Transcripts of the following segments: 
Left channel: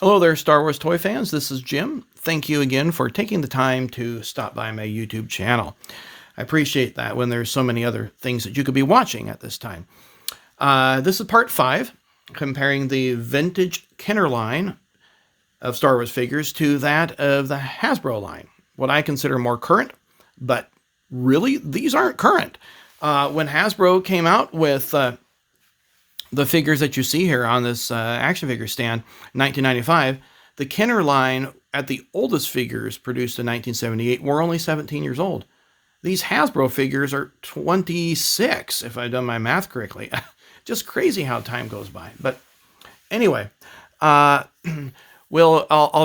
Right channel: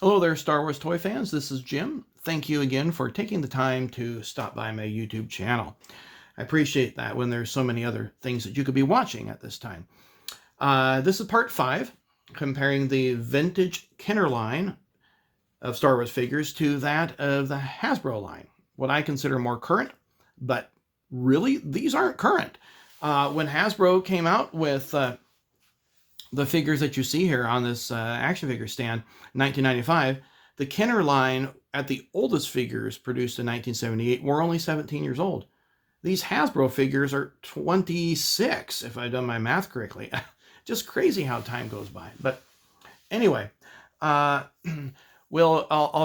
Hello there, Star Wars toy fans. This is Jim. Thank you again for taking the time to stop by my YouTube channel. I appreciate that when there's so many other things that you could be watching at this time. This is part 5, comparing the vintage Kenner line of Star Wars figures to that of the Hasbro line. What I consider more current, but really, these aren't current. When Hasbro came out with the figures that you see here on this action figure stand, 1995, the Kenner line at the oldest figures produced in 1978 were only 17 years old. These Hasbro figures are 26, if I've done my math correctly. Just crazy how time goes by. But anyway, I'll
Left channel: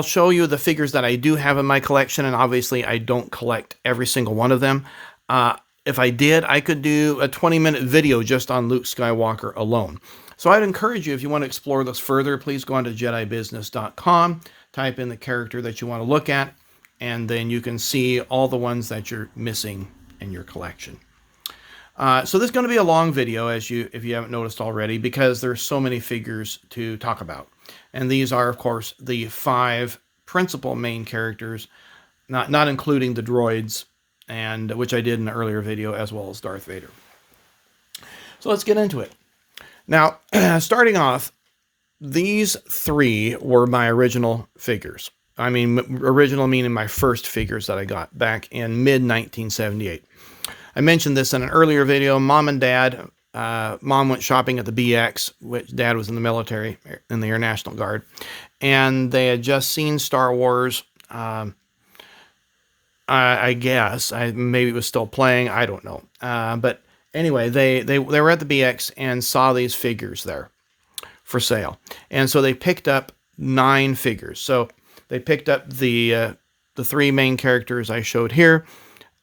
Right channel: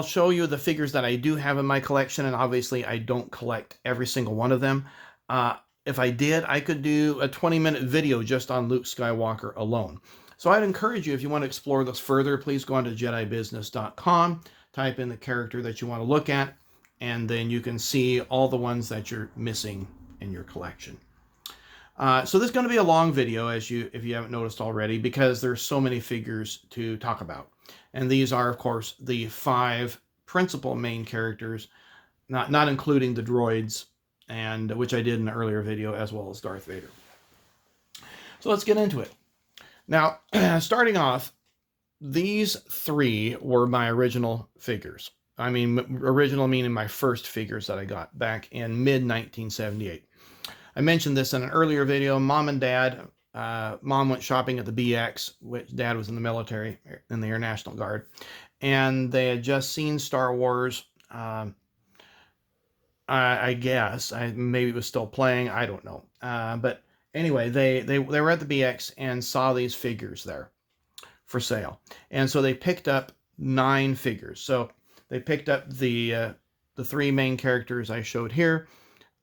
show you the figures that I do have in my collection, and obviously I don't collect every single one of them. If I did, I could do a 20-minute video just on Luke Skywalker alone. So I'd encourage you, if you want to explore this further, please go on to JediBusiness.com, type in the character that you want to look at, and then you can see all the ones that you're missing in your collection. So this is going to be a long video, if you haven't noticed already, because there's so many figures to talk about. And these are, of course, the 5 principal main characters, not including the droids, and which I did in an earlier video, as well as Darth Vader. So let's get into it. Now, starting off, these 3 were my original figures. I mean, original meaning my first figures that I got back in mid-1978. I mentioned this in an earlier video. Mom and Dad, Mom went shopping at the BX, which Dad was in the military, in the Air National Guard, and they had just seen Star Wars. I guess maybe it was still playing. I don't know. But anyway, they were at the BX and saw these figures there for sale, and so they picked up 9 figures. So they picked up the 3 main characters I showed here,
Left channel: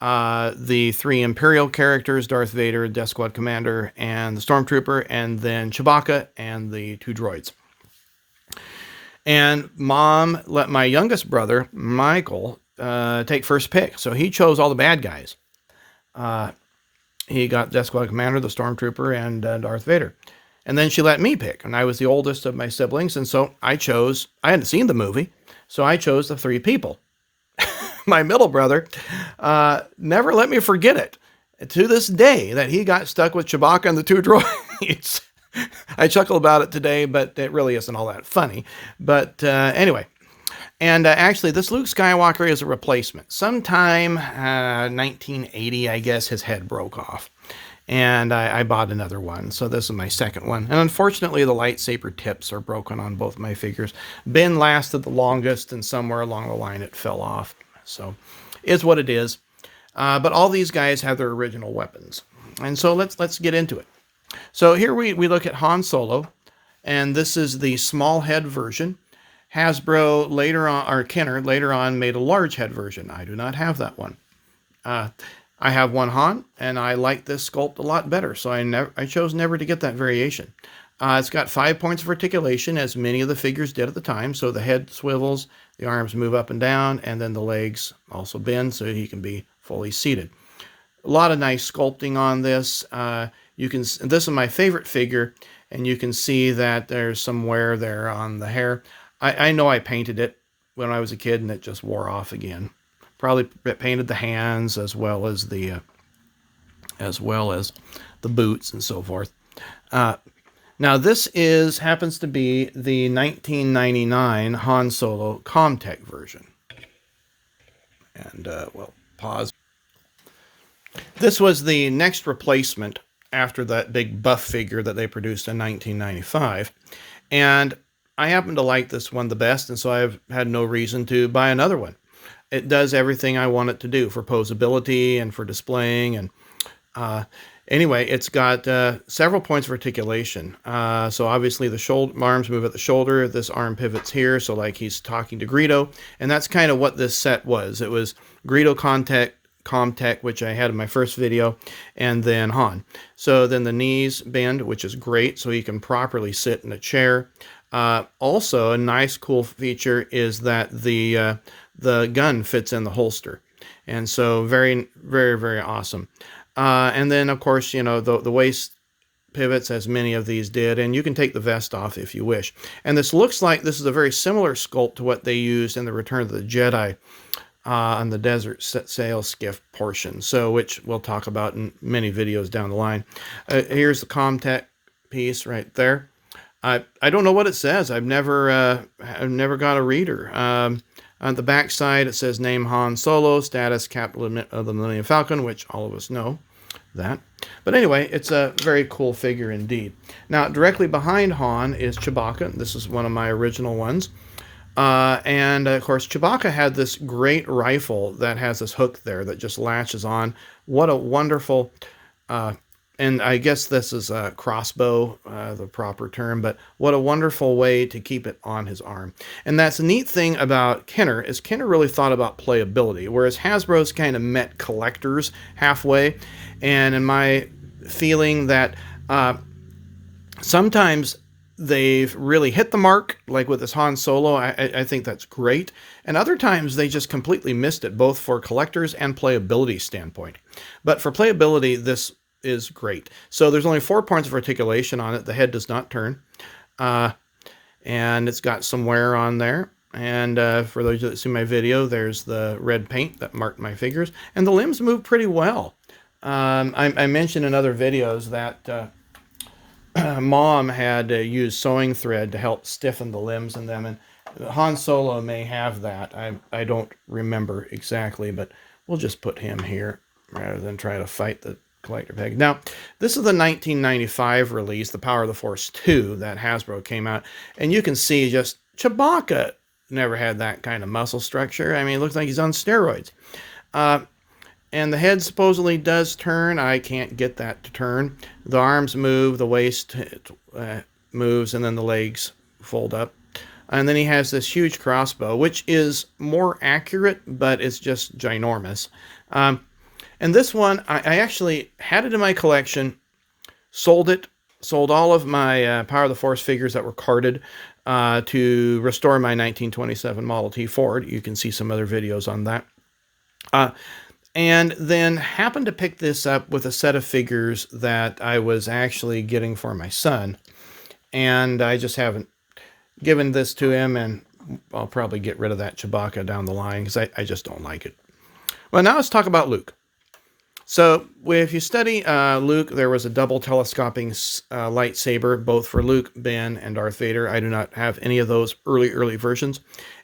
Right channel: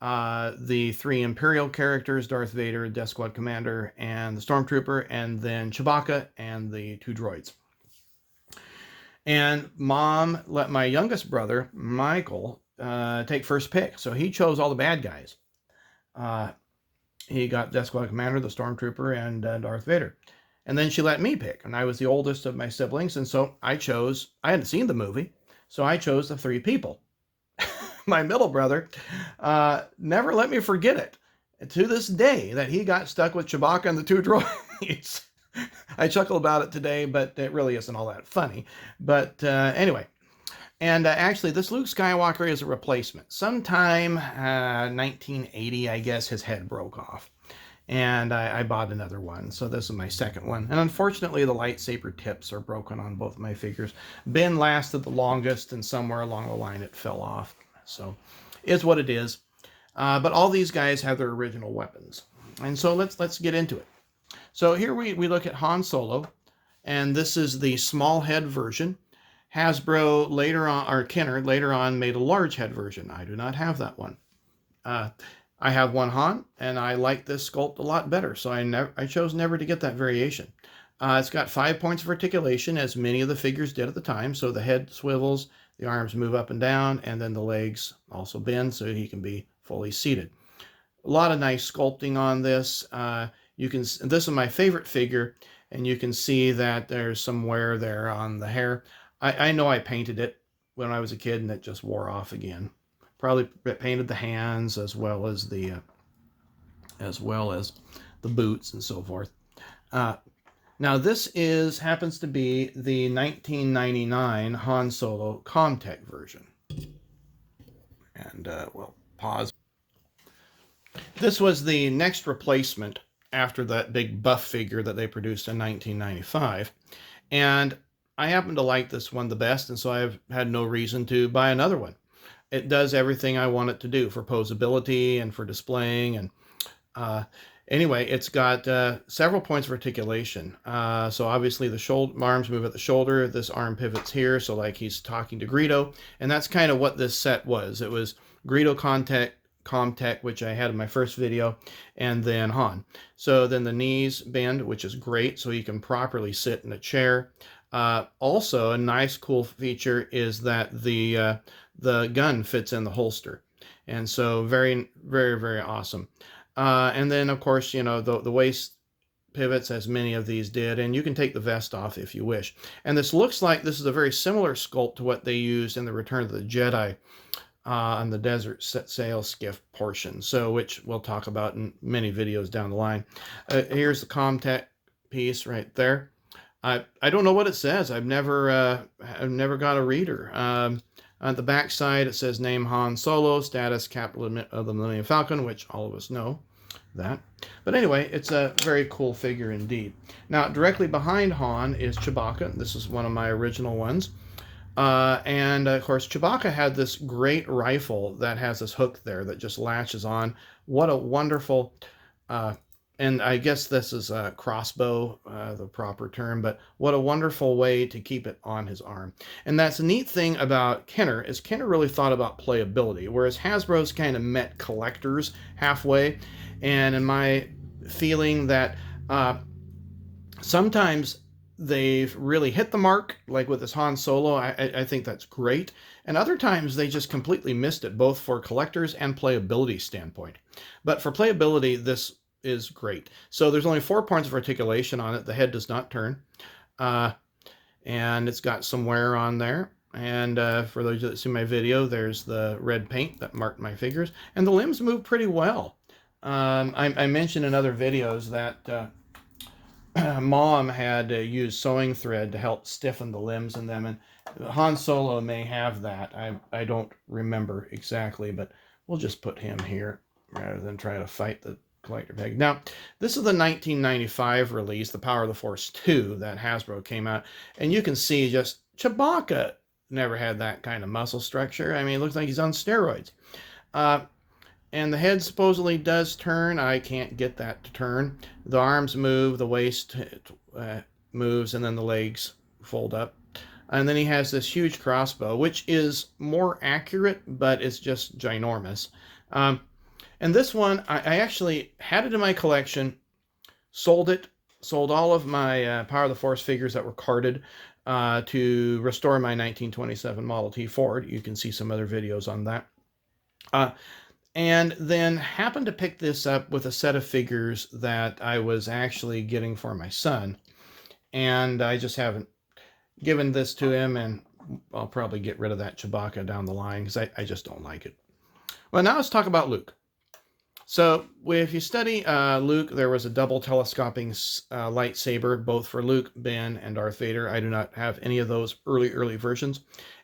the 3 Imperial characters: Darth Vader, Death Squad Commander, and the Stormtrooper, and then Chewbacca and the 2 droids. And Mom let my youngest brother, Michael, take first pick. So he chose all the bad guys. He got Death Squad Commander, the Stormtrooper, and Darth Vader. And then she let me pick, and I was the oldest of my siblings, and so I hadn't seen the movie, so I chose the 3 people. My middle brother never let me forget it to this day that he got stuck with Chewbacca and the 2 droids. I chuckle about it today, but it really isn't all that funny. But anyway, and actually this Luke Skywalker is a replacement. Sometime 1980, I guess, his head broke off, and I bought another one. So this is my second one. And unfortunately, the lightsaber tips are broken on both my figures. Ben lasted the longest, and somewhere along the line it fell off. So it's what it is. But all these guys have their original weapons. And so let's get into it. So here we look at Han Solo, and this is the small head version. Hasbro later on, or Kenner later on, made a large head version. I do not have that one. I have one Han, and I like this sculpt a lot better, so I chose never to get that variation. It's got 5 points of articulation, as many of the figures did at the time, so the head swivels, the arms move up and down, and then the legs also bend so he can be fully seated. A lot of nice sculpting on this. This is my favorite figure, and you can see that there's some wear there on the hair. I know I painted it when I was a kid, and it just wore off again. Probably painted the hands as well as the boots and so forth. Now this happens to be the 1999 Han Solo Commtech version. And we'll pause. This was the next replacement after that big buff figure that they produced in 1995. And I happen to like this one the best, and so I've had no reason to buy another one. It does everything I want it to do for posability and for displaying. And anyway, it's got several points of articulation. So obviously the arms move at the shoulder. This arm pivots here, so like he's talking to Greedo. And that's kind of what this set was. It was Greedo Commtech, which I had in my first video, and then Han. So then the knees bend, which is great, so he can properly sit in a chair. Also, a nice cool feature is that the gun fits in the holster, and so very, very, very awesome. And then, of course, you know, the waist pivots, as many of these did, and you can take the vest off if you wish. And this looks like this is a very similar sculpt to what they used in the Return of the Jedi on the Desert Sail Skiff portion, so which we'll talk about in many videos down the line. Here's the Commtech piece right there. I don't know what it says. I've never got a reader. On the back side, it says name Han Solo, status Captain of the Millennium Falcon, which all of us know that. But anyway, it's a very cool figure indeed. Now, directly behind Han is Chewbacca. This is one of my original ones. And of course, Chewbacca had this great rifle that has this hook there that just latches on. What a wonderful, and I guess this is a crossbow, the proper term, but what a wonderful way to keep it on his arm. And that's the neat thing about Kenner, is Kenner really thought about playability, whereas Hasbro's kind of met collectors halfway. And in my feeling that sometimes they've really hit the mark, like with this Han Solo, I think that's great. And other times they just completely missed it, both for collectors and playability standpoint. But for playability, this is great. So there's only 4 points of articulation on it. The head does not turn. And it's got some wear on there. And for those that see my video, there's the red paint that marked my figures. And the limbs move pretty well. I mentioned in other videos that Mom had used sewing thread to help stiffen the limbs in them, and Han Solo may have that. I don't remember exactly, but we'll just put him here rather than try to fight the collector peg. Now, this is the 1995 release, The Power of the Force 2, that Hasbro came out, and you can see just Chewbacca never had that kind of muscle structure. I mean, it looks like he's on steroids. And the head supposedly does turn. I can't get that to turn. The arms move, the waist moves, and then the legs fold up. And then he has this huge crossbow, which is more accurate, but it's just ginormous. And this one, I actually had it in my collection, sold it, sold all of my Power of the Force figures that were carded to restore my 1927 Model T Ford. You can see some other videos on that. And then happened to pick this up with a set of figures that I was actually getting for my son. And I just haven't given this to him, and I'll probably get rid of that Chewbacca down the line because I just don't like it. Well, now let's talk about Luke. So if you study Luke, there was a double telescoping lightsaber, both for Luke, Ben, and Darth Vader. I do not have any of those early versions.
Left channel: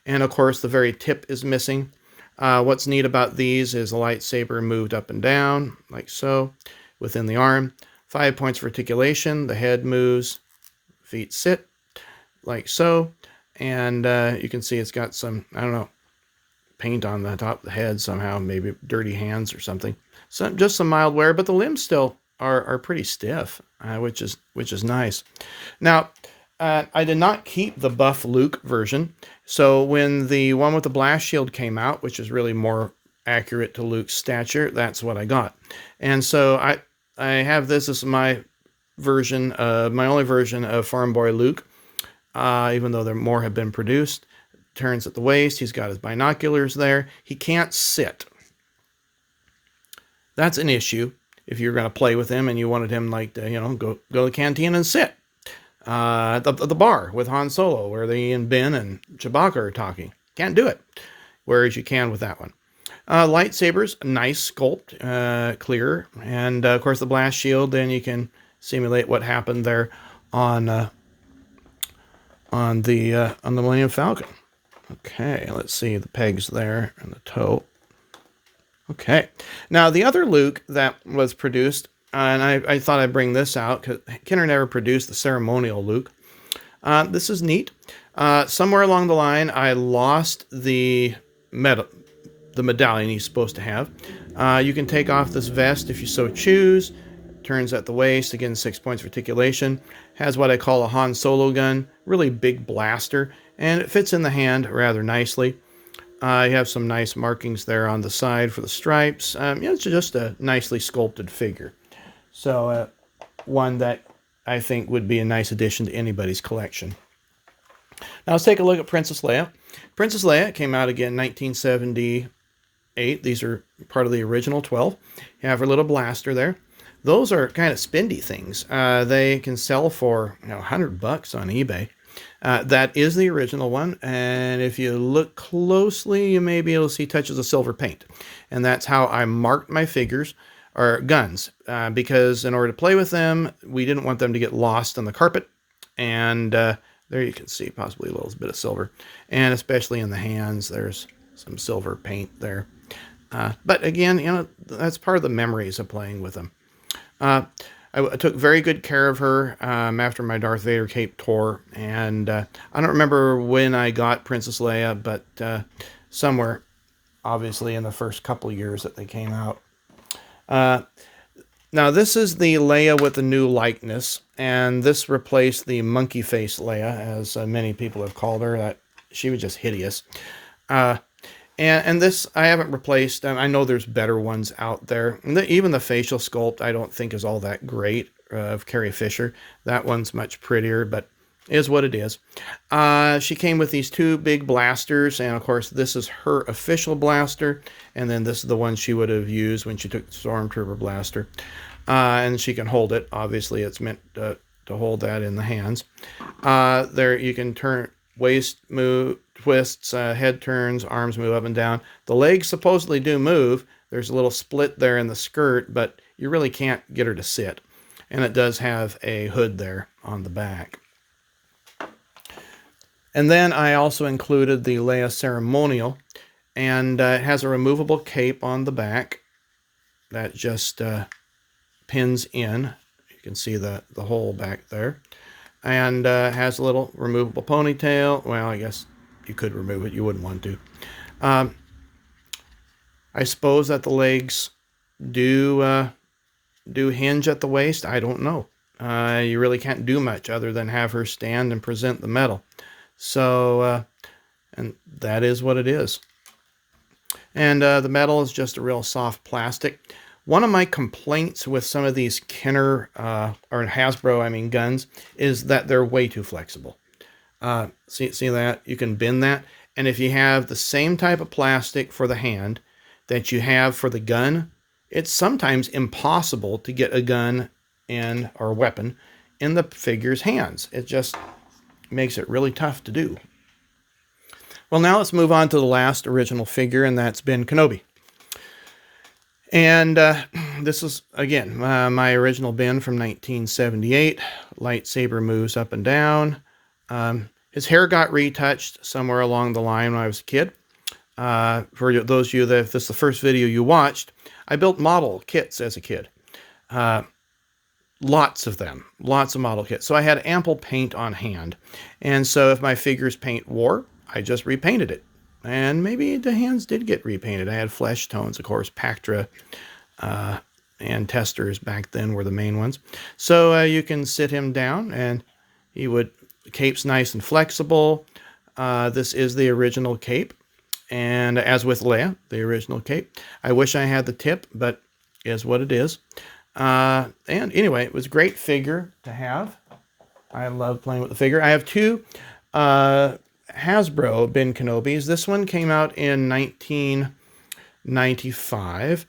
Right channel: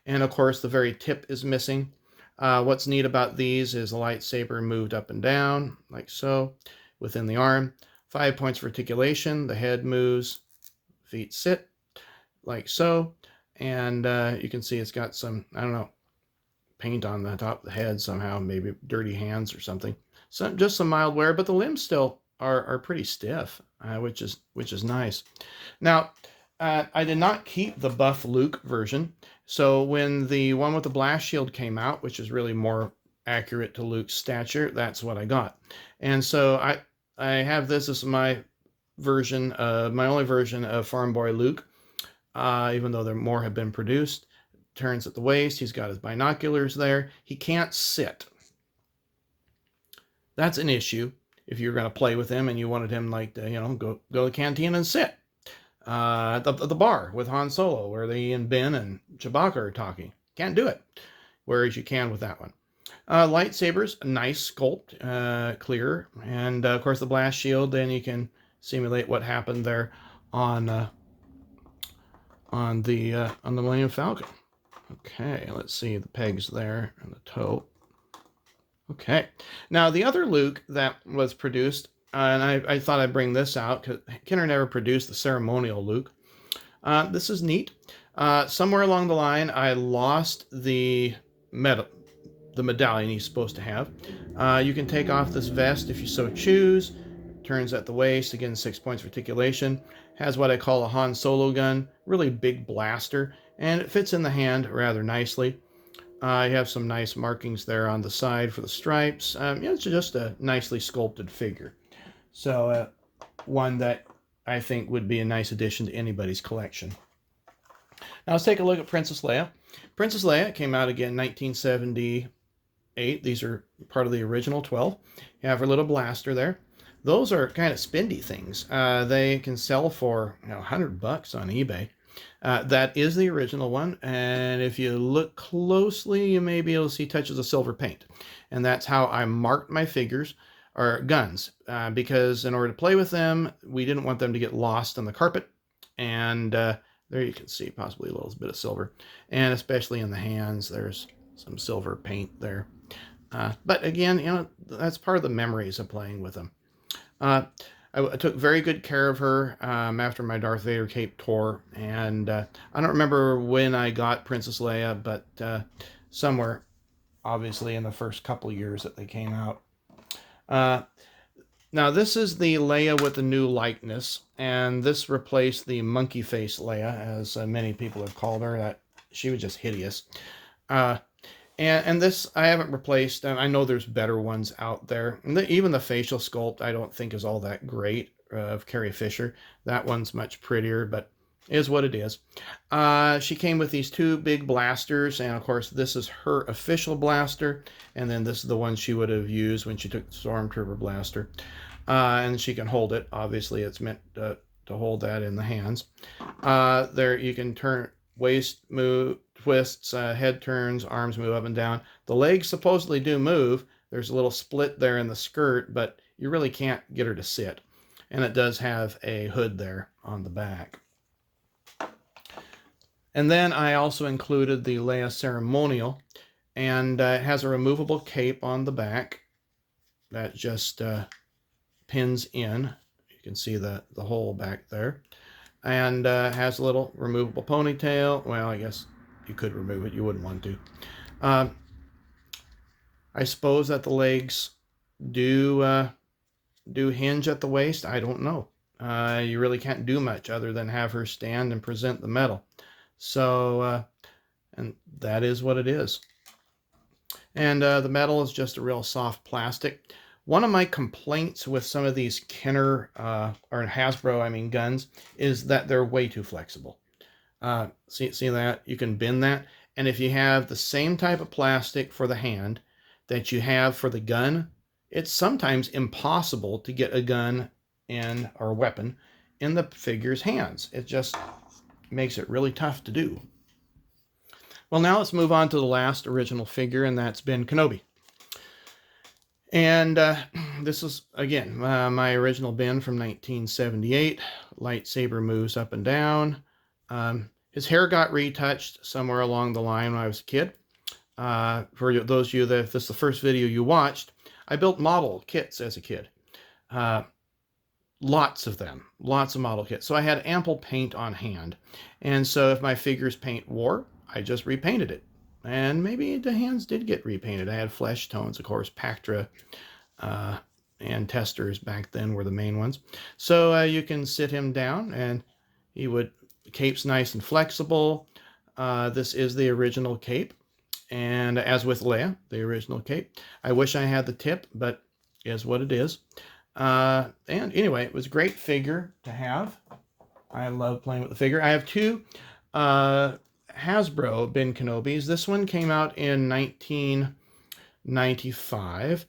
And of course, the very tip is missing. What's neat about these is the lightsaber moved up and down, like so, within the arm. 5 points for articulation. The head moves, feet sit, like so. And you can see it's got some, I don't know, paint on the top of the head somehow, maybe dirty hands or something. So just some mild wear, but the limbs still are pretty stiff, which is nice. Now, I did not keep the buff Luke version. So when the one with the blast shield came out, which is really more accurate to Luke's stature, that's what I got. And so I have this as my version, my only version of Farm Boy Luke, even though there more have been produced. Turns at the waist. He's got his binoculars there. He can't sit. That's an issue if you're going to play with him and you wanted him like to, go to the cantina and sit. At the bar with Han Solo, where they and Ben and Chewbacca are talking. Can't do it, whereas you can with that one. Lightsabers, nice sculpt, clear, and of course the blast shield. Then you can simulate what happened there on the Millennium Falcon. Okay, let's see the pegs there and the toe. Okay, now the other Luke that was produced. And I thought I'd bring this out because Kenner never produced the Ceremonial Luke. This is neat. Somewhere along the line, I lost the medallion he's supposed to have. You can take off this vest if you so choose. Turns at the waist. Again, 6 points of articulation. Has what I call a Han Solo gun. Really big blaster. And it fits in the hand rather nicely. You have some nice markings there on the side for the stripes. It's just a nicely sculpted figure. So one that I think would be a nice addition to anybody's collection. Now let's take a look at Princess Leia. Princess Leia came out again in 1978. These are part of the original 12. You have her little blaster there. Those are kind of spendy things. They can sell for $100 on eBay. That is the original one, and if you look closely, you may be able to see touches of silver paint. And that's how I marked my figures, or guns, because in order to play with them, we didn't want them to get lost on the carpet. And there you can see possibly a little bit of silver, and especially in the hands, there's some silver paint there. But again, that's part of the memories of playing with them. I took very good care of her after my Darth Vader cape tore, and I don't remember when I got Princess Leia, but somewhere, obviously, in the first couple years that they came out. Now, this is the Leia with the new likeness, and this replaced the monkey face Leia, as many people have called her. That she was just hideous. And this I haven't replaced. I know there's better ones out there. And even the facial sculpt I don't think is all that great of Carrie Fisher. That one's much prettier, but is what it is. She came with these two big blasters, and of course this is her official blaster, and then this is the one she would have used when she took the Stormtrooper blaster. And she can hold it. Obviously it's meant to hold that in the hands. There you can turn waist move, twists, head turns, arms move up and down. The legs supposedly do move. There's a little split there in the skirt, but you really can't get her to sit. And it does have a hood there on the back. And then I also included the Leia Ceremonial, and it has a removable cape on the back that just pins in. You can see the hole back there. And has a little removable ponytail. Well, I guess you could remove it. You wouldn't want to. I suppose that the legs do hinge at the waist. I don't know. You really can't do much other than have her stand and present the medal. So, and that is what it is. And the metal is just a real soft plastic. One of my complaints with some of these Kenner, or Hasbro, guns, is that they're way too flexible. See that? You can bend that. And if you have the same type of plastic for the hand that you have for the gun, it's sometimes impossible to get a gun or weapon in the figure's hands. It just makes it really tough to do. Well, now let's move on to the last original figure, and that's Bin Kenobi. And this is, again, my original bin from 1978. Lightsaber moves up and down. His hair got retouched somewhere along the line when I was a kid. For those of you that, if this is the first video you watched, I built model kits as a kid. Lots of them. Lots of model kits. So I had ample paint on hand. And so if my figure's paint wore, I just repainted it. And maybe the hands did get repainted. I had flesh tones, of course, Pactra and testers back then were the main ones. So you can sit him down, and the cape's nice and flexible. This is the original cape. And as with Leia, the original cape, I wish I had the tip, but is what it is. And anyway, it was a great figure to have. I love playing with the figure. I have two Hasbro Bin Kenobis. This one came out in 1995,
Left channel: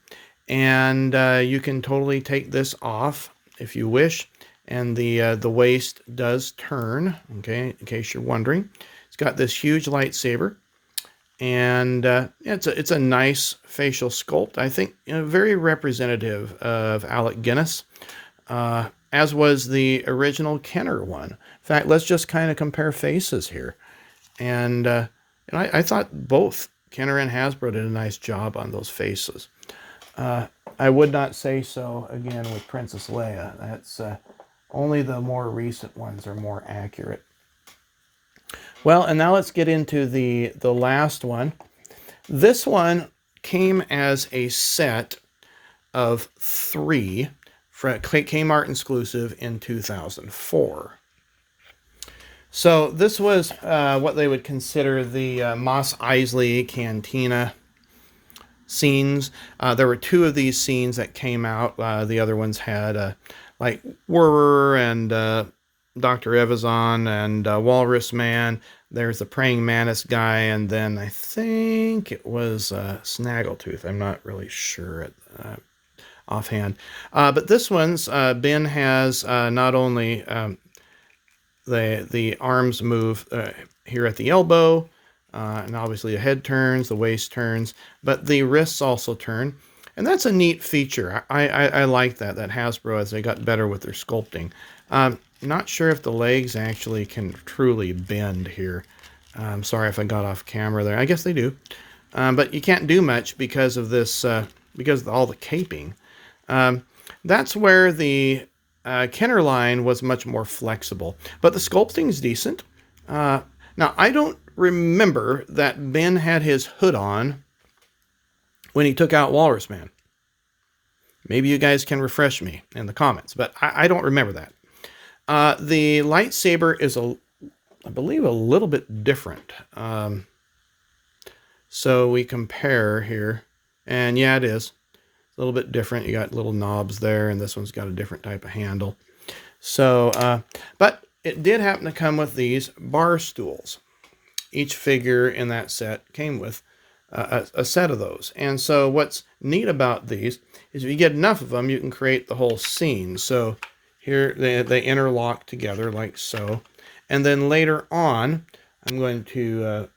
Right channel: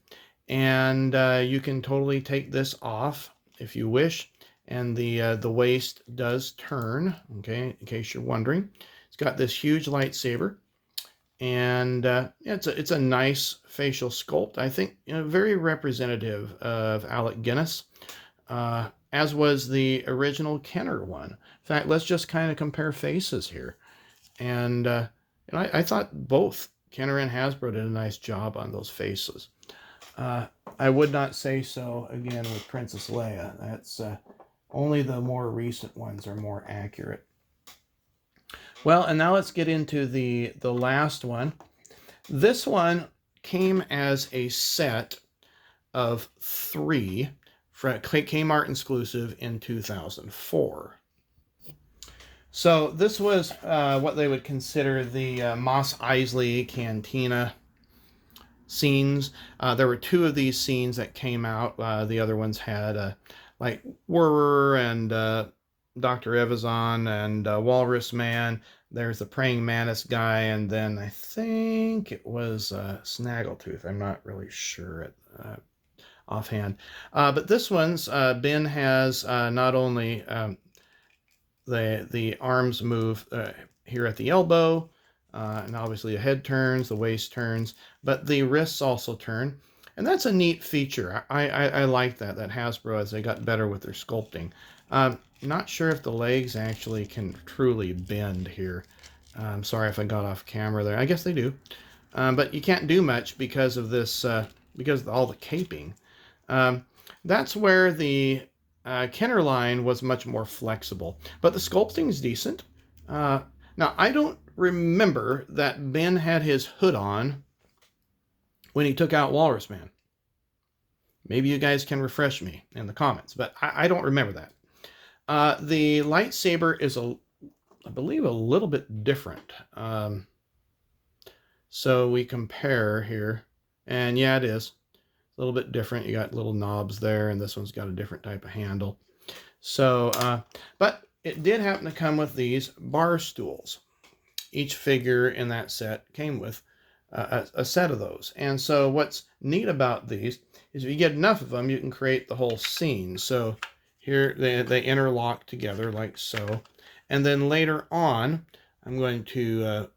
and you can totally take this off if you wish, and the waist does turn, okay, in case you're wondering. It's got this huge lightsaber, and it's a nice facial sculpt. I think very representative of Alec Guinness, as was the original Kenner one. In fact, let's just kind of compare faces here. And I thought both Kenner and Hasbro did a nice job on those faces. I would not say so, again, with Princess Leia. That's only the more recent ones are more accurate. Well, and now let's get into the last one. This one came as a set of 3 for K-Mart exclusive in 2004. So this was what they would consider the Mos Eisley Cantina scenes. There were 2 of these scenes that came out. The other ones had like Whirrer and Dr. Evazan and Walrus Man. There's the Praying Mantis guy, and then I think it was Snaggletooth. I'm not really sure. offhand. But this one's Bin has not only the arms move here at the elbow, and obviously the head turns, the waist turns, but the wrists also turn. And that's a neat feature. I like that Hasbro, as they got better with their sculpting. Not sure if the legs actually can truly bend here. I'm sorry if I got off camera there. I guess they do. But you can't do much because of this, because of all the caping. That's where the Kenner line was much more flexible. But the sculpting is decent. Now, I don't remember that Ben had his hood on when he took out Walrus Man. Maybe you guys can refresh me in the comments, but I don't remember that. The lightsaber is, I believe, a little bit different. So we compare here, and yeah, it is a little bit different. You got little knobs there, and this one's got a different type of handle. So, but it did happen to come with these bar stools. Each figure in that set came with a set of those. And so what's neat about these is if you get enough of them, you can create the whole scene. So here they interlock together like so. And then later on, I'm going to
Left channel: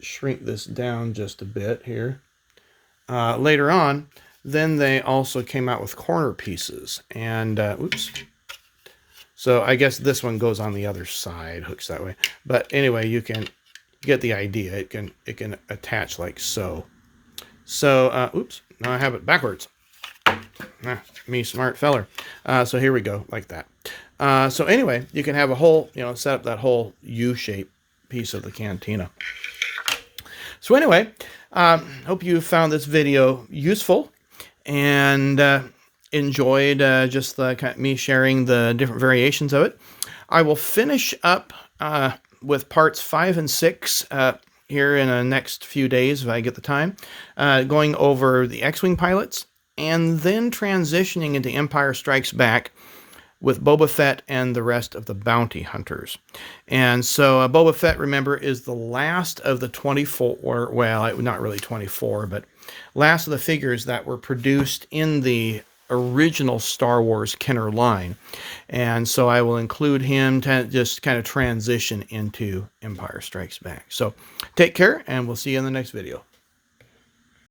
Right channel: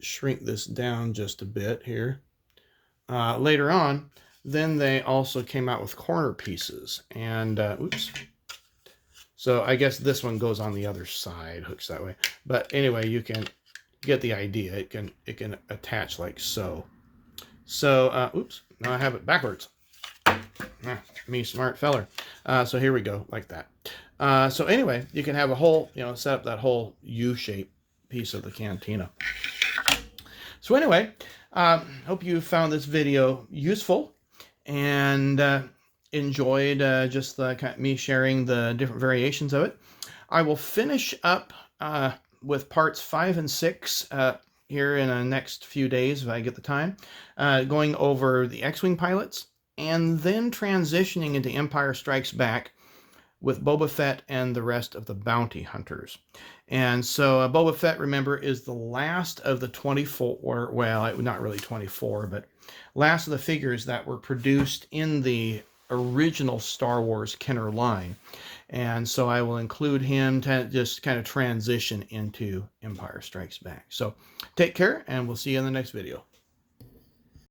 shrink this down just a bit here. Later on, then they also came out with corner pieces. And, oops. So I guess this one goes on the other side, hooks that way. But anyway, you get the idea. It can attach like so. So, oops, now I have it backwards. Me smart feller. So here we go, like that. So anyway, you can have a whole, set up that whole U-shape piece of the Cantina. So anyway, hope you found this video useful and enjoyed just me sharing the different variations of it. I will finish up with parts 5 and 6 here in the next few days if I get the time, going over the X-Wing pilots, and then transitioning into Empire Strikes Back with Boba Fett and the rest of the bounty hunters. And so Boba Fett, remember, is the last of the 24, well, not really 24, but last of the figures that were produced in the original Star Wars Kenner line. And so I will include him to just kind of transition into Empire Strikes Back. So take care, and we'll see you in the next video.